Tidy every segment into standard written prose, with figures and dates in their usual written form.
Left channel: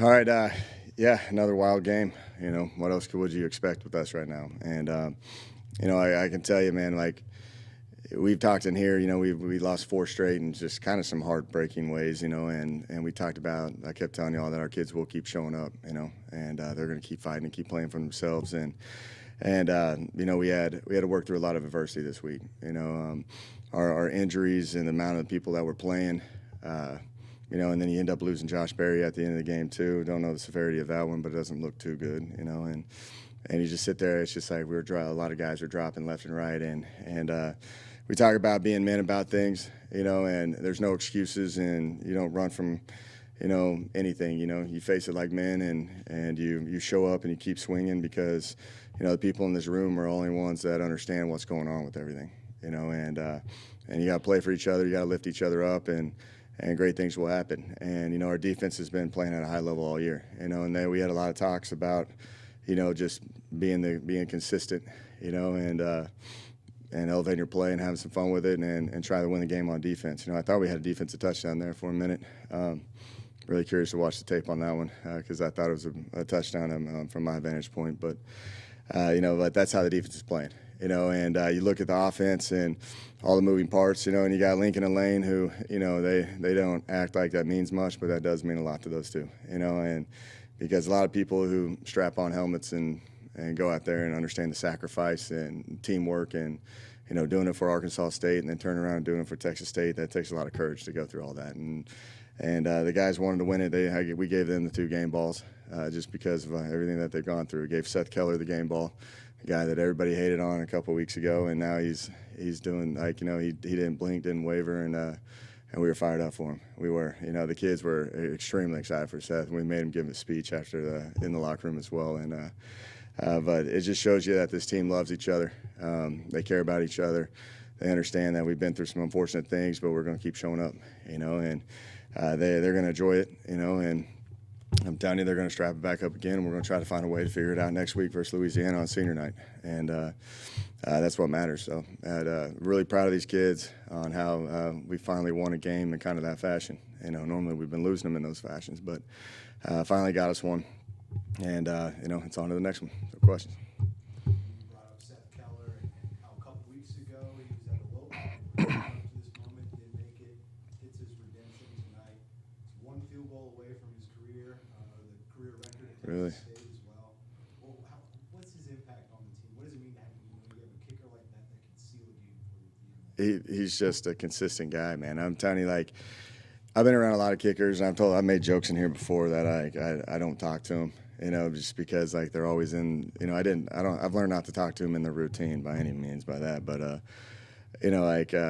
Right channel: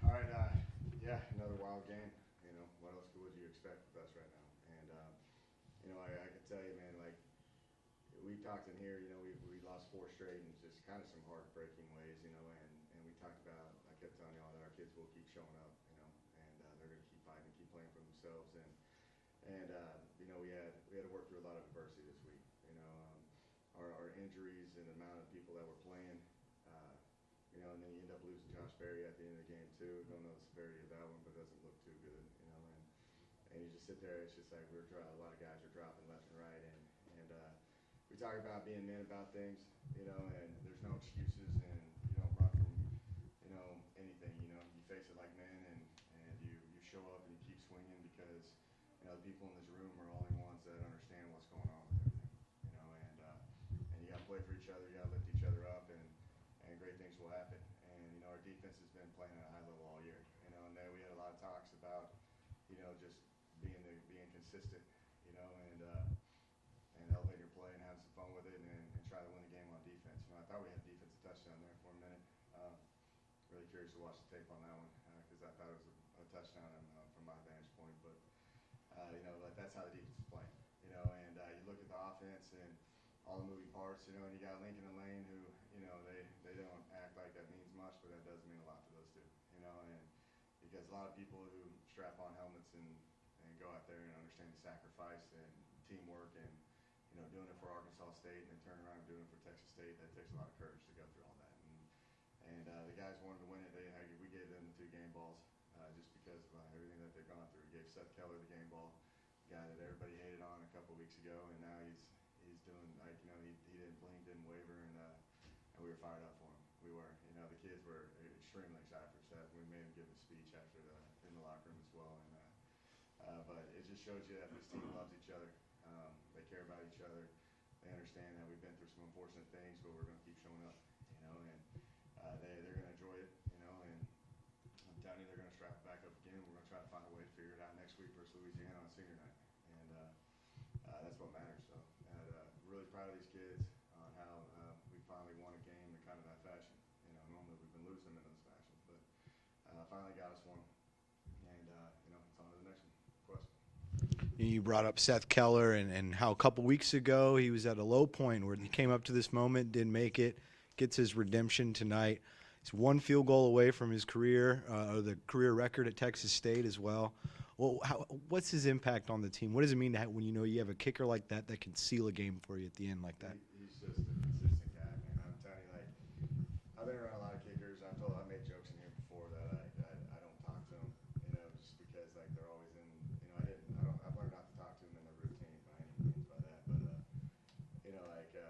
All right, yeah, another wild game. What else would you expect with us right now? And I can tell you, man, like we've talked in here. We lost four straight and just kind of some heartbreaking ways. And we talked about. I kept telling y'all that our kids will keep showing up. And they're going to keep fighting and keep playing for themselves. And we had to work through a lot of adversity this week. Our injuries and the amount of people that were playing. And then you end up losing Josh Berry at the end of the game too. Don't know the severity of that one, but it doesn't look too good, and you just sit there. It's just like a lot of guys are dropping left and right, and we talk about being men about things, and there's no excuses, and you don't run from, anything. You face it like men, and you show up and you keep swinging because, the people in this room are only ones that understand what's going on with everything, and you got to play for each other. You got to lift each other up, and great things will happen. And, our defense has been playing at a high level all year, and then we had a lot of talks about, just being consistent, and elevating your play and having some fun with it and try to win the game on defense. I thought we had a defensive touchdown there for a minute. Really curious to watch the tape on that one because I thought it was a touchdown from my vantage point. But, but that's how the defense is playing. And you look at the offense and all the moving parts, and you got Lincoln and Lane who, they don't act like that means much, but that does mean a lot to those two, and because a lot of people who strap on helmets and go out there and understand the sacrifice and teamwork and, doing it for Arkansas State and then turn around and doing it for Texas State, that takes a lot of courage to go through all that. And the guys wanted to win it. We gave them the 2 game balls just because of everything that they've gone through. We gave Seth Keller the game ball, a guy that everybody hated on a couple of weeks ago, and now he's doing he didn't blink, didn't waver, and we were fired up for him. We were, the kids were extremely excited for Seth. We made him give a speech in the locker room as well, but it just shows you that this team loves each other. They care about each other. They understand that we've been through some unfortunate things, but we're going to keep showing up, and they're going to enjoy it, and I'm telling you, they're going to strap it back up again, and we're going to try to find a way to figure it out next week versus Louisiana on senior night, and that's what matters. So, really proud of these kids on how we finally won a game in kind of that fashion. Normally we've been losing them in those fashions, but finally got us one, and it's on to the next one. No questions. You brought up Seth Keller and how a couple weeks ago he was at a low point where he came up to this moment, didn't make it, gets his redemption tonight. He's 1 field goal away from his career, the career record at Texas State as well. Well, what's his impact on the team? What does it mean to when you have a kicker like that can seal a game for you at the end like that? He's just a consistent guy, man. I'm telling you, I've been around a lot of kickers, and I've made jokes in here before that I don't talk to them, just because they're always in. I've learned not to talk to them in the routine by any means by that, but I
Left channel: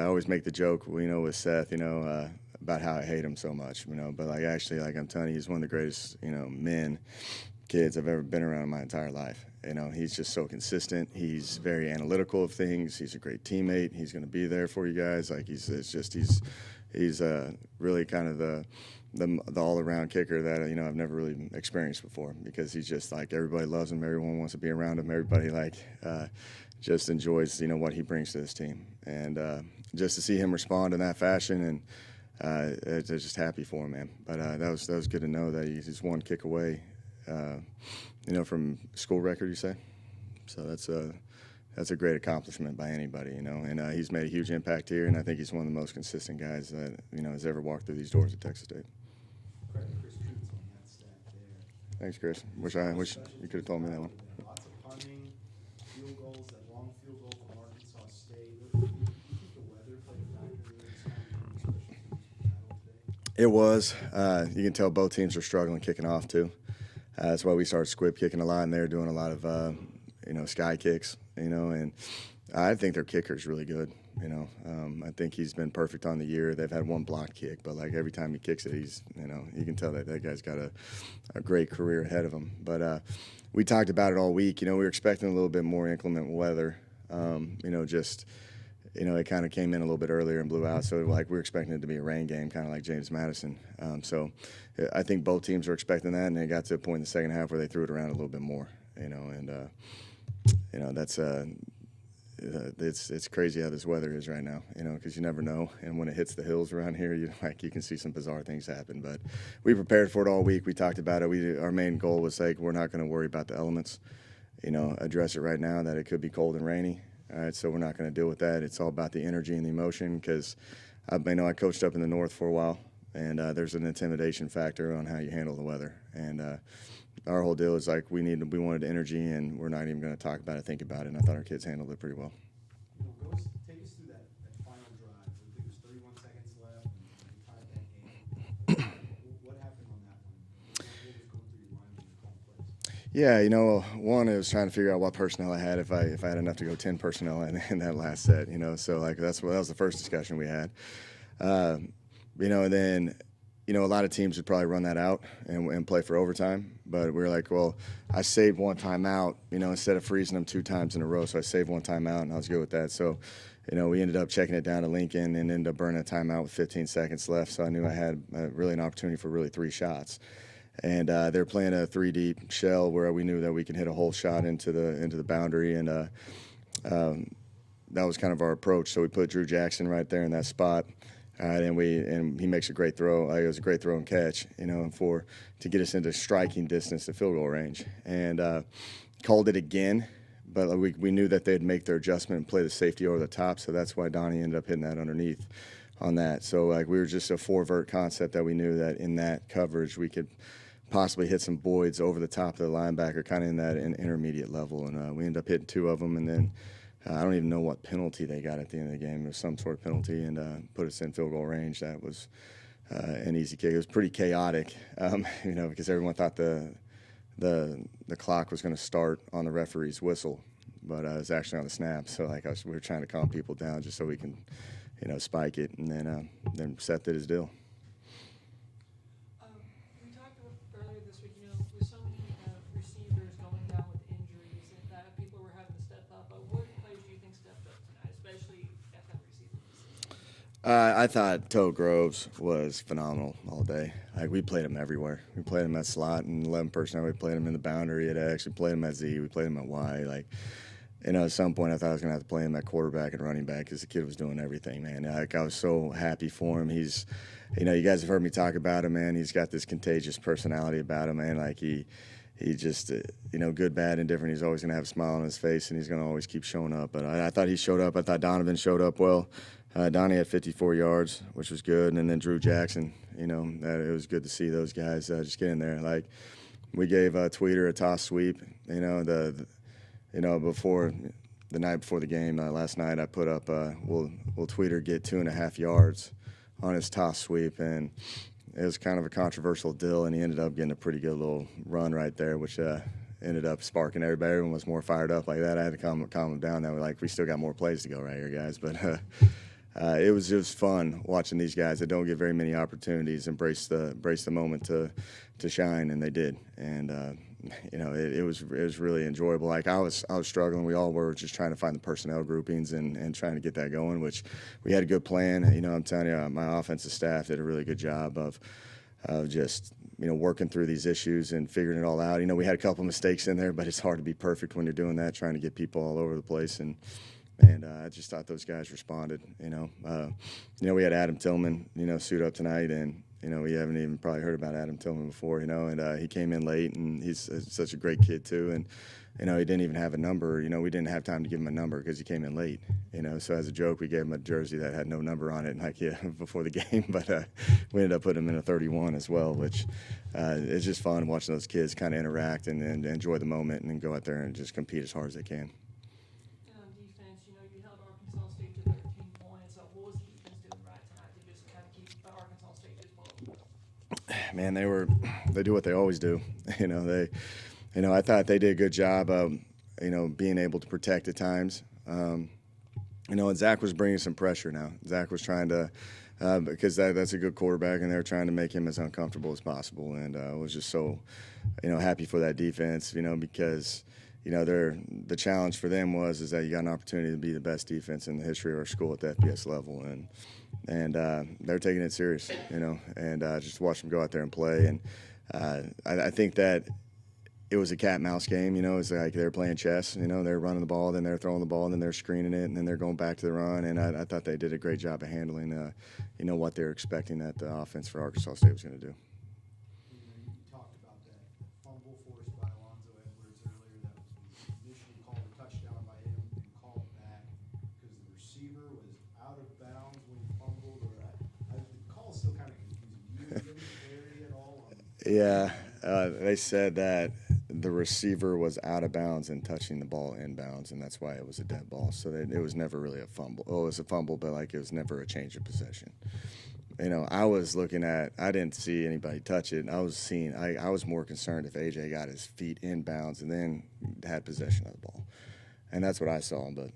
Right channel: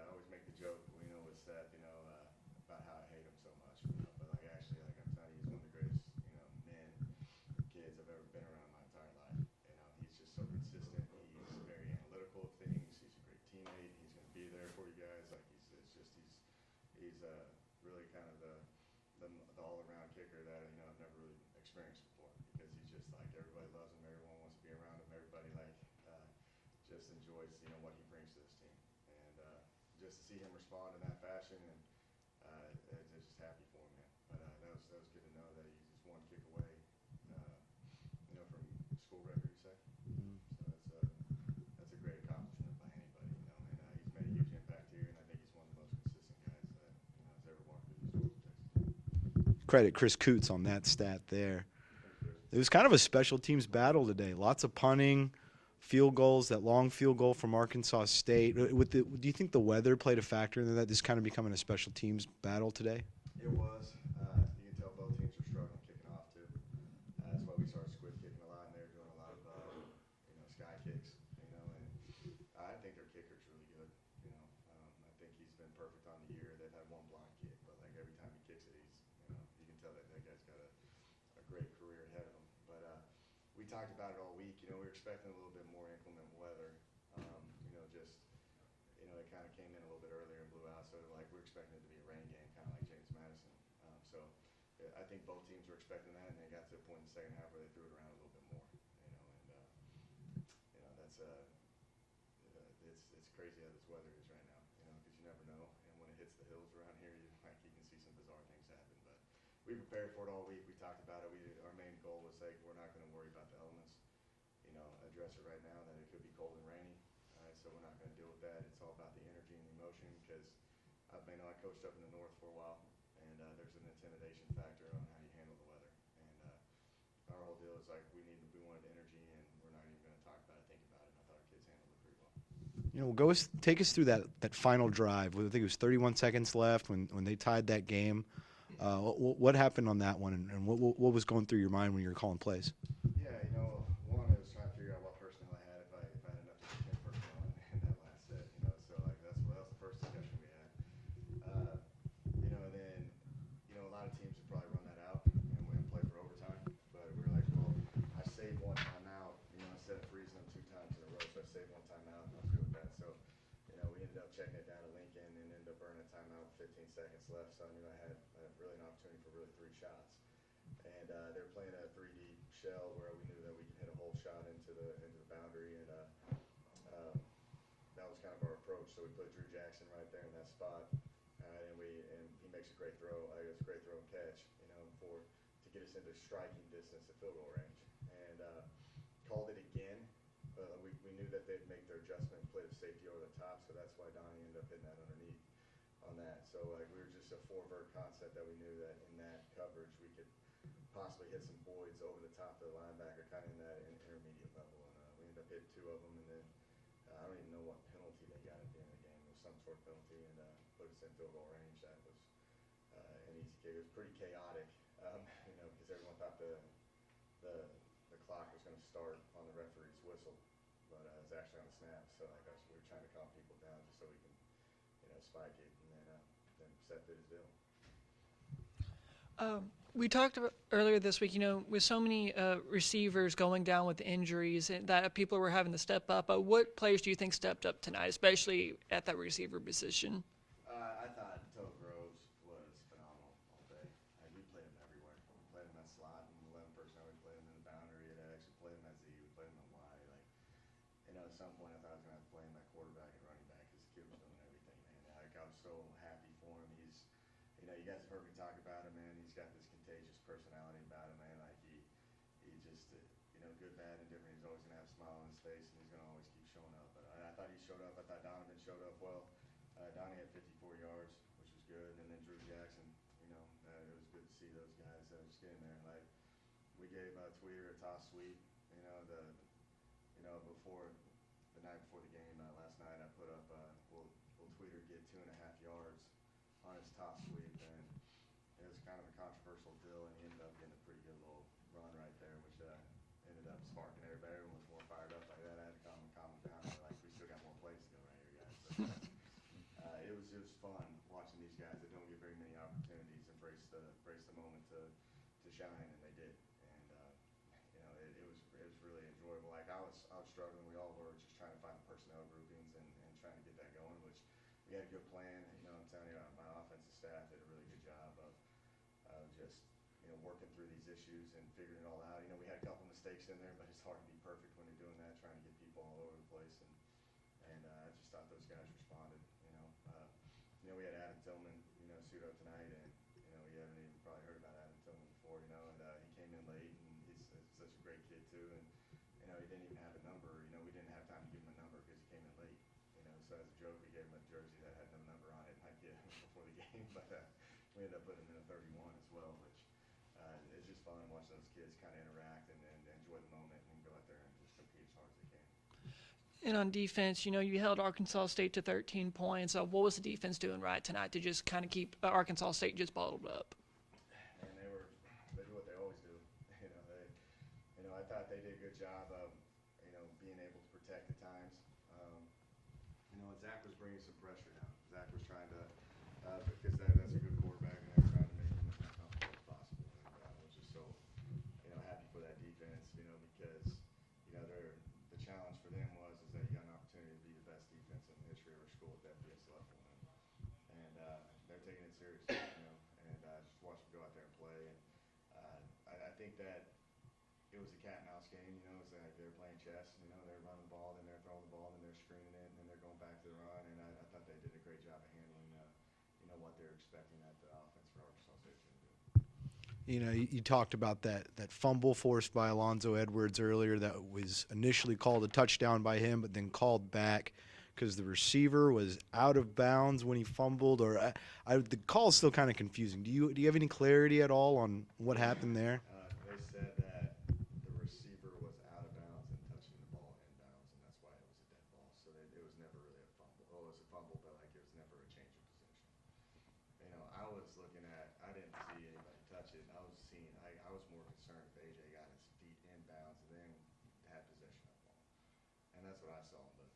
always make the joke, with Seth, about how I hate him so much, but actually, I'm telling you, he's one of the greatest, kids I've ever been around in my entire life. He's just so consistent. He's very analytical of things. He's a great teammate. He's going to be there for you guys. He's really kind of the all-around kicker that I've never really experienced before, because he's just everybody loves him. Everyone wants to be around him. Everybody just enjoys what he brings to this team, and just to see him respond in that fashion, and they're just happy for him, man. But that was good to know that he's 1 kick away, from school record, you say. So that's a great accomplishment by anybody, And he's made a huge impact here, and I think he's one of the most consistent guys that has ever walked through these doors at Texas State. Credit Chris Coots on that stat there. Thanks, Chris. It was kind of a special teams battle today. Lots of punting, field goals, that long field goal from Arkansas State. Do you think the weather played a factor in that, just kind of becoming a special teams battle today? It was. You can tell both teams are struggling kicking off, too. That's why we started squib kicking a lot, and they're doing a lot of, sky kicks, and I think their kicker's really good. I think he's been perfect on the year. They've had 1 blocked kick, but every time he kicks it, he's, you can tell that guy's got a great career ahead of him. But we talked about it all week. We were expecting a little bit more inclement weather. It kind of came in a little bit earlier and blew out. So we were expecting it to be a rain game, kind of like James Madison. So I think both teams were expecting that, and they got to a point in the second half where they threw it around a little bit more. That's it's crazy how this weather is right now, because you never know. And when it hits the hills around here, you can see some bizarre things happen. But we prepared for it all week. We talked about it. Our main goal was we're not going to worry about the elements, address it right now that it could be cold and rainy. All right, so we're not going to deal with that. It's all about the energy and the emotion, because I coached up in the north for a while, and there's an intimidation factor on how you handle the weather. And our whole deal is we wanted energy, and we're not even going to talk about it, think about it. And I thought our kids handled it pretty well. Take us through that final drive. I think it was 31 seconds left when they tied that game. What happened on that one, and what was going through your mind when you were calling plays? Yeah, one, it was trying to figure out what personnel I had, if I had enough to go 10 personnel in that last set. So that was the first discussion we had. And then a lot of teams would probably run that out and play for overtime. But we were like, well, I saved one timeout, instead of freezing them 2 times in a row. So I saved one timeout, and I was good with that. So, we ended up checking it down to Lincoln and ended up burning a timeout with 15 seconds left. So I knew I had really an opportunity for 3 shots. And they're playing a 3-deep shell where we knew that we could hit a whole shot into the boundary. And that was kind of our approach. So we put Drew Jackson right there in that spot. And he makes a great throw. It was a great throw and catch, to get us into striking distance to field goal range. And called it again, but we knew that they'd make their adjustment and play the safety over the top. So that's why Donnie ended up hitting that underneath on that. So we were just a 4-vert concept that we knew that in that coverage we could possibly hit some voids over the top of the linebacker, kind of in that intermediate level. And we ended up hitting 2 of them, and then I don't even know what penalty they got at the end of the game. It was some sort of penalty, and put us in field goal range. That was an easy kick. It was pretty chaotic, because everyone thought the clock was going to start on the referee's whistle, but it was actually on the snap. So we were trying to calm people down just so we can, spike it, and then Seth did his deal. We talked about earlier this week, with so many receivers going down with injuries, and that people were having to step up. What players do you think stepped up tonight, especially at that receiver position? I thought Toe Groves was phenomenal all day. We played him everywhere. We played him at slot and 11 personnel. We played him in the boundary at X. We played him at Z. We played him at Y. At some point I thought I was going to have to play him at quarterback and running back, because the kid was doing everything, man. I was so happy for him. He's you guys have heard me talk about him, man. He's got this contagious personality about him, man. He just, good, bad, and different. He's always going to have a smile on his face, and he's going to always keep showing up. But I thought he showed up. I thought Donovan showed up well. Donnie had 54 yards, which was good. And then Drew Jackson, it was good to see those guys just get in there. We gave Tweeter a toss sweep, before the night before the game. Last night I put up, will Tweeter get 2.5 yards on his toss sweep, and it was kind of a controversial deal, and he ended up getting a pretty good little run right there, which ended up sparking everybody. Everyone was more fired up like that. I had to calm them down. They were we still got more plays to go right here, guys. But it was just fun watching these guys that don't get very many opportunities embrace the moment to shine, and they did. And it was really enjoyable. I was struggling. We all were just trying to find the personnel groupings and trying to get that going, which we had a good plan. I'm telling you, my offensive staff did a really good job of just working through these issues and figuring it all out. We had a couple mistakes in there, but it's hard to be perfect when you're doing that, trying to get people all over the place. And I just thought those guys responded. We had Adam Tillman, suit up tonight, and we haven't even probably heard about Adam Tillman before, and he came in late, and he's such a great kid too. And he didn't even have a number. We didn't have time to give him a number because he came in late. So as a joke, we gave him a jersey that had no number on it, before the game. But we ended up putting him in a 31 as well, which it's just fun watching those kids kind of interact and enjoy the moment and then go out there and just compete as hard as they can. And on defense, you held Arkansas State to 13 points. What was the defense doing right tonight to just kind of keep Arkansas State just bottled up? Man, they do what they always do. I thought they did a good job of, being able to protect at times. And Zach was bringing some pressure now. Zach was trying to, because that's a good quarterback, and they were trying to make him as uncomfortable as possible. And I was just so, happy for that defense, because the challenge for them is that you got an opportunity to be the best defense in the history of our school at the FBS level, and they're taking it serious, and just watch them go out there and play. And I think that it was a cat and mouse game. It's like they're playing chess. They're running the ball, then they're throwing the ball, and then they're screening it, and then they're going back to the run. And I thought they did a great job of handling, what they were expecting that the offense for Arkansas State was going to do. You talked about that fumble forced by Alonzo Edwards earlier that was initially called a touchdown by him, but then called back because the receiver was out of bounds when he fumbled. Or the call is still kind of confusing. Do you have any clarity at all on what happened there? They said that the receiver was out of bounds and touching the ball inbounds, and that's why it was a dead ball. So it was never really a fumble. Oh, it was a fumble, but it was never a change of possession. I was looking at, I didn't see anybody touch it. I was more concerned if AJ got his feet inbounds and then had possession of the ball. And that's what I saw, but,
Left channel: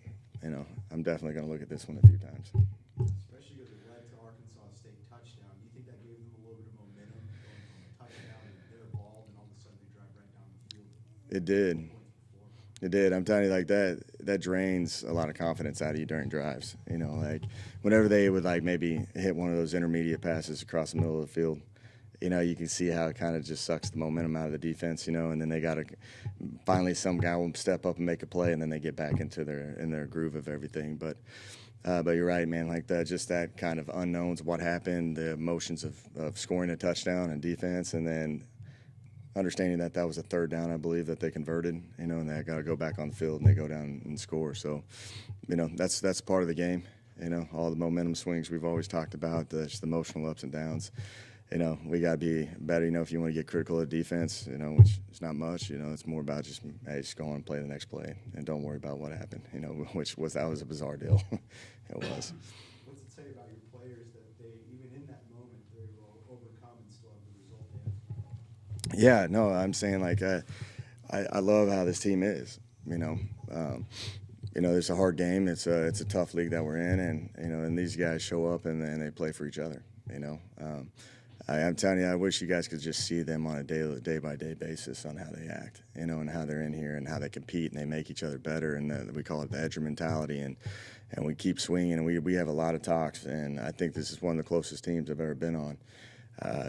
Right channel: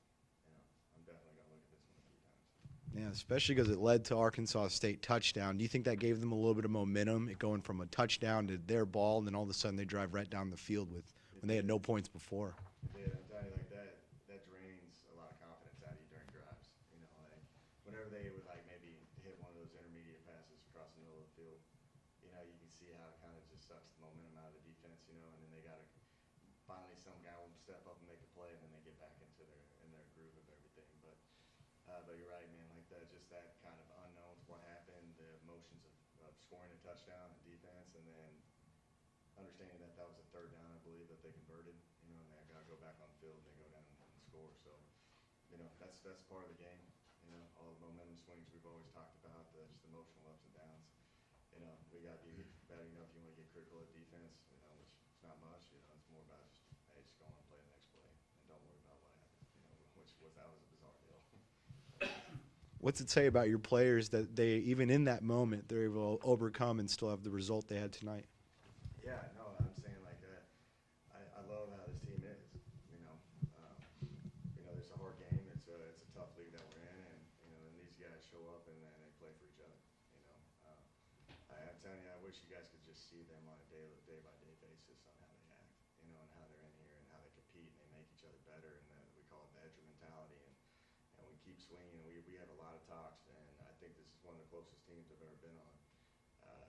I'm definitely going to look at this one a few times. Yeah, especially because it led to Arkansas State touchdown. Do you think that gave them a little bit of momentum, it going from a touchdown to their ball, and then all of a sudden they drive right down the field with no points before? It did. I'm telling you, that drains a lot of confidence out of you during drives. Whenever they would maybe hit one of those intermediate passes across the middle of the field, you can see how it kind of just sucks the momentum out of the defense, and then they got to finally some guy will step up and make a play, and then they get back into their groove of everything. But you're right, man. Just that kind of unknowns, what happened, the emotions of scoring a touchdown and defense, and then understanding that was a third down, I believe, that they converted, and they got to go back on the field and they go down and score. So, that's part of the game. All the momentum swings we've always talked about, just the emotional ups and downs. We got to be better, if you want to get critical of defense, which is not much, it's more about just go on and play the next play and don't worry about what happened, that was a bizarre deal. It was. What's it say about your players that they, even in that moment, they're able to overcome and still have the result they had tonight? Yeah, no, I'm saying I love how this team is. It's a hard game. It's a tough league that we're in, and these guys show up and they play for each other. I'm telling you, I wish you guys could just see them on a day by day basis on how they act, and how they're in here and how they compete and they make each other better, and we call it the edger mentality, and we keep swinging, and we have a lot of talks, and I think this is one of the closest teams I've ever been on.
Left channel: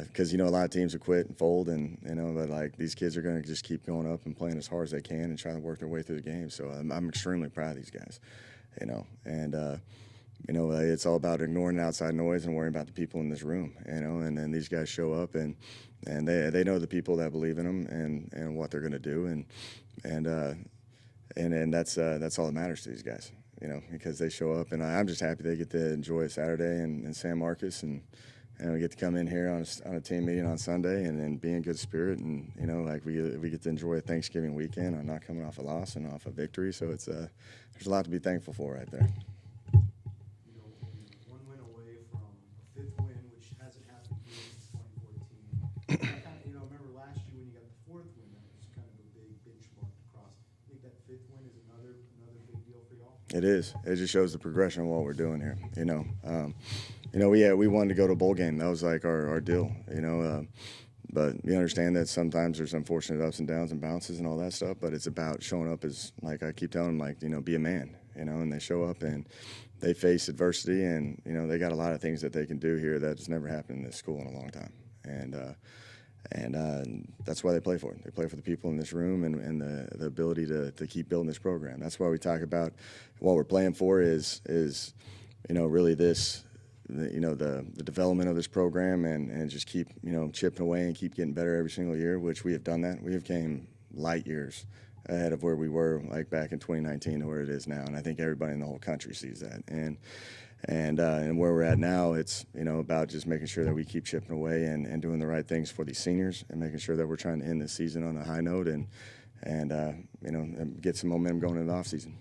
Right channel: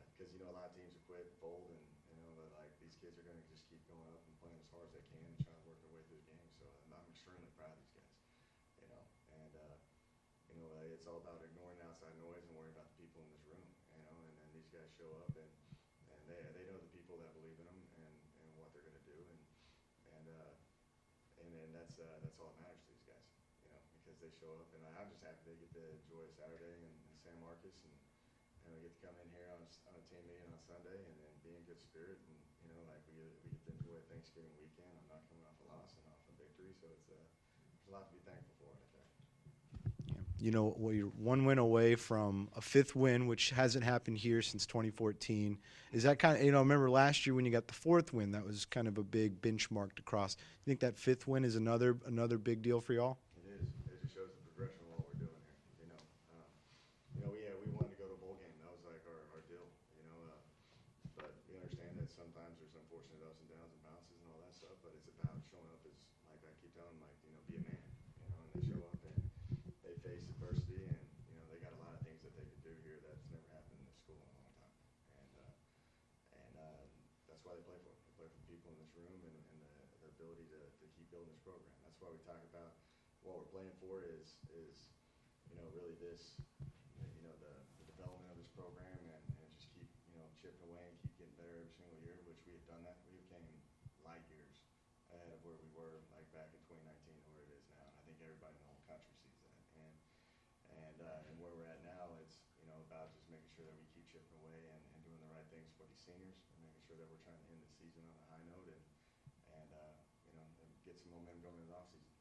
Because a lot of teams will quit and fold, and but these kids are going to just keep going up and playing as hard as they can and trying to work their way through the game. So I'm extremely proud of these guys, and it's all about ignoring the outside noise and worrying about the people in this room, and then these guys show up and they know the people that believe in them and what they're going to do, and that's all that matters to these guys, because they show up, and I'm just happy they get to enjoy a Saturday in San Marcos, and we get to come in here on a team meeting on Sunday and be in good spirit, and we get to enjoy a Thanksgiving weekend on not coming off a loss and off a victory. So it's there's a lot to be thankful for right there. You're one win away from a fifth win, which hasn't happened here since 2014. Is that kind of, remember last year when you got the fourth win, that was kind of a big benchmark to cross. You think that fifth win is another big deal for y'all? It is. It just shows the progression of what we're doing here. We wanted to go to a bowl game. That was our deal. But you understand that sometimes there's unfortunate ups and downs and bounces and all that stuff. But it's about showing up as, I keep telling them, be a man. And they show up and they face adversity, and they got a lot of things that they can do here that's never happened in this school in a long time. And that's why they play for it. They play for the people in this room and the ability to keep building this program. That's why we talk about what we're playing for is really this. The development of this program and just keep chipping away and keep getting better every single year, which we have done that. We have came light years ahead of where we were back in 2019 to where it is now, and I think everybody in the whole country sees that. And where we're at now, it's about just making sure that we keep chipping away and doing the right things for these seniors, and making sure that we're trying to end the season on a high note and get some momentum going into the off season.